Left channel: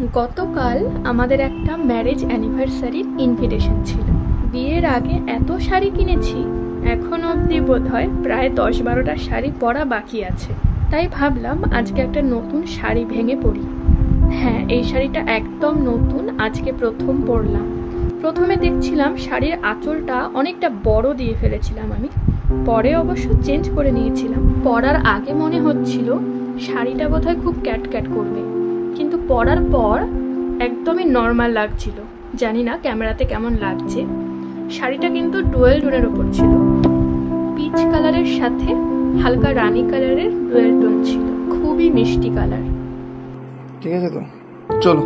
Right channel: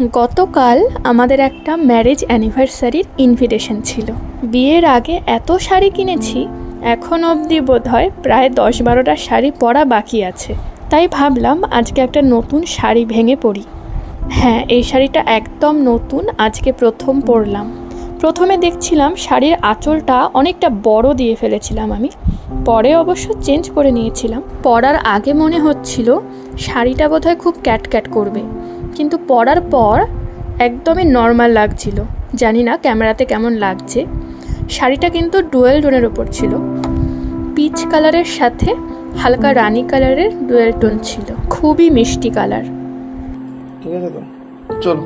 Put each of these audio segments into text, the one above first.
গতকাল আমাদের একটা ম্যারেজ অ্যানিভার্সারির ইনভিটেশন ছিল। বিয়ের আগে এত শাড়ি কিনেছি, এখন অবধি বোধহয় প্রায় 10-12টা শাড়ি পরা বাকি আছে। তাই ভাবলাম আজকে একটা নতুন শাড়ি ভেঙে পড়ি। হ্যাঁ, এই শাড়িটা একদম নতুন, আজকে প্রথম পরলাম। প্রথমে দেখছিলাম শাড়ির আঁচলটা অনেকটা বড় দিয়ে ফেলেছিলাম আমি, পরে অবশ্য চেঞ্জ করে নিয়েছিলাম। পরার আগে মনে হচ্ছিল শাড়িটা বোধহয় খুব ক্যাট করবে, কিন্তু পরার পর একদমই নর্মাল লাগছিল। জানি না ক্যামেরাতে কেমন লাগছে। শাড়িটা কিন্তু ডুয়েল টোনের ওপর ছিল, পিচ কালারের সাথে হালকা রানী কালারের ডুয়েল টোন ছিল, খুবই মিষ্টি কালার। ঠিক আছে তো, চলো।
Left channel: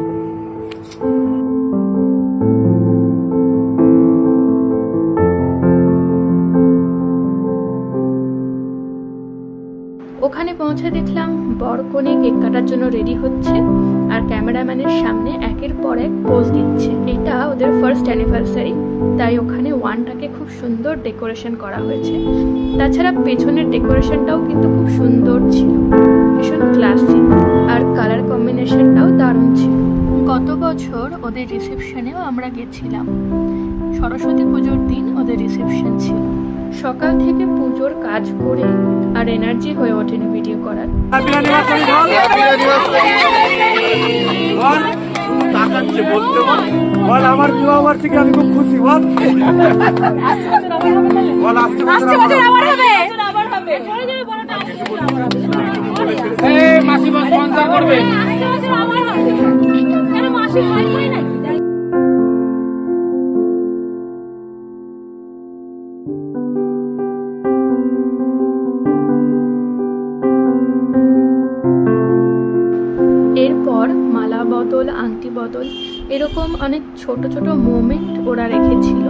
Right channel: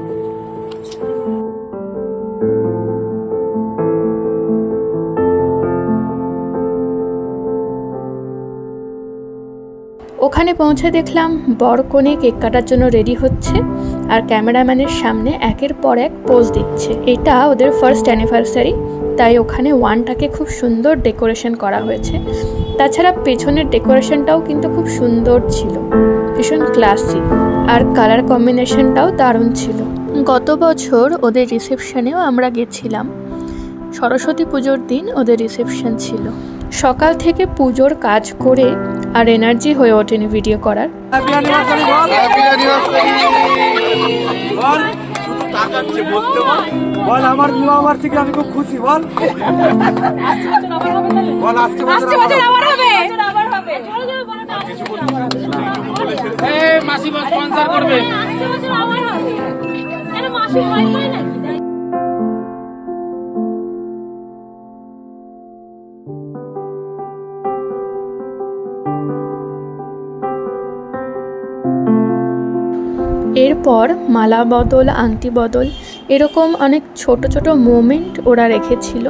ওখানে পৌঁছে দেখলাম বর কনে কেক কাটার জন্য রেডি হচ্ছে আর ক্যামেরাম্যানের সামনে একের পর এক পোজ দিচ্ছে। এটা ওদের ফার্স্ট অ্যানিভার্সারি, তাই ওখানে ওয়ানটাকে খুব সুন্দর ডেকোরেশন করা হয়েছে। তাছাড়া পেছনের ডেকোরেশনটাও কিন্তু খুব সুন্দর ছিল, ভীষণ ক্লাসি, আর কালার কম্বিনেশনটাও দারুণ ছিল। গত বছর ওদের রিসেপশনেও আমরা গেছিলাম। সরস্বতী পুজোর দিন ওদের রিসেপশন ছিল। সকাল থেকে পুজোর কাজ করে আর এনার্জি হয়ে ওঠেনি ভিডিও করার। আমার বিবাহ বার্ষিকী আমি খুব খুশি। বল মাসি স্পন্সর করবে। এরপর মালা বদল, আংটি বদল, এরকম অনেক ছোট ছোট মোমেন্ট ওরা রেখেছিল।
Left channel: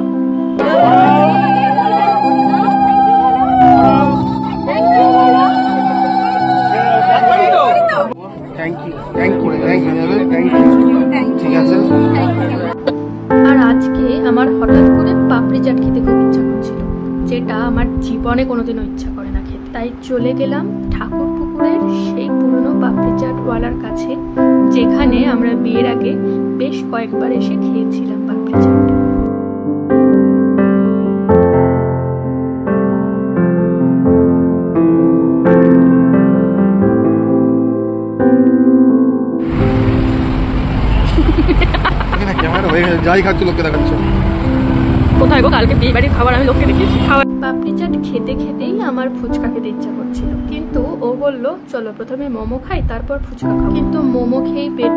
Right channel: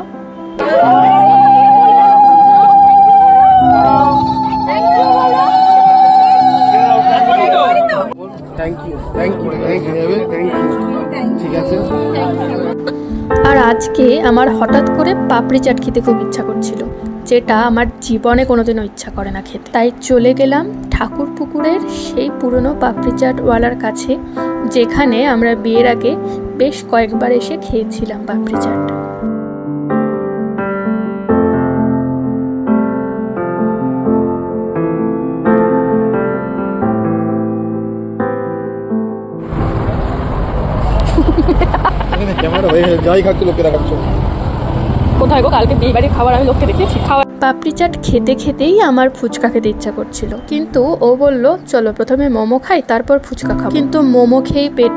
আর আজকে আমার হঠাৎ করে পাপড়ি চাট খেতে খুব ইচ্ছা করছিল, যেটা আমার জীবনে কোনোদিনও ইচ্ছা করে না খেতে। তাই চলে গেলাম ঠাকুরপুকুরের সেই পুরনো পাপড়ি চাটওয়ালার কাছে, যেখানে আমরা বিয়ের আগে বেশ কয়েকবার এসে খেয়েছিলাম পাপড়ি চাট। কোথায় গো, কালকে বিয়ে বাড়ির খাবার আমি লোককে দেখিয়েছি খাওয়া। পাপড়ি চাট খেতে খেতেই আমার ফুচকা খেতে ইচ্ছা করছিল, কিন্তু ও বলল চলো প্রথমে মোমো খাই তারপর ফুচকা খাবো। কিন্তু মোমো খেয়েই পেট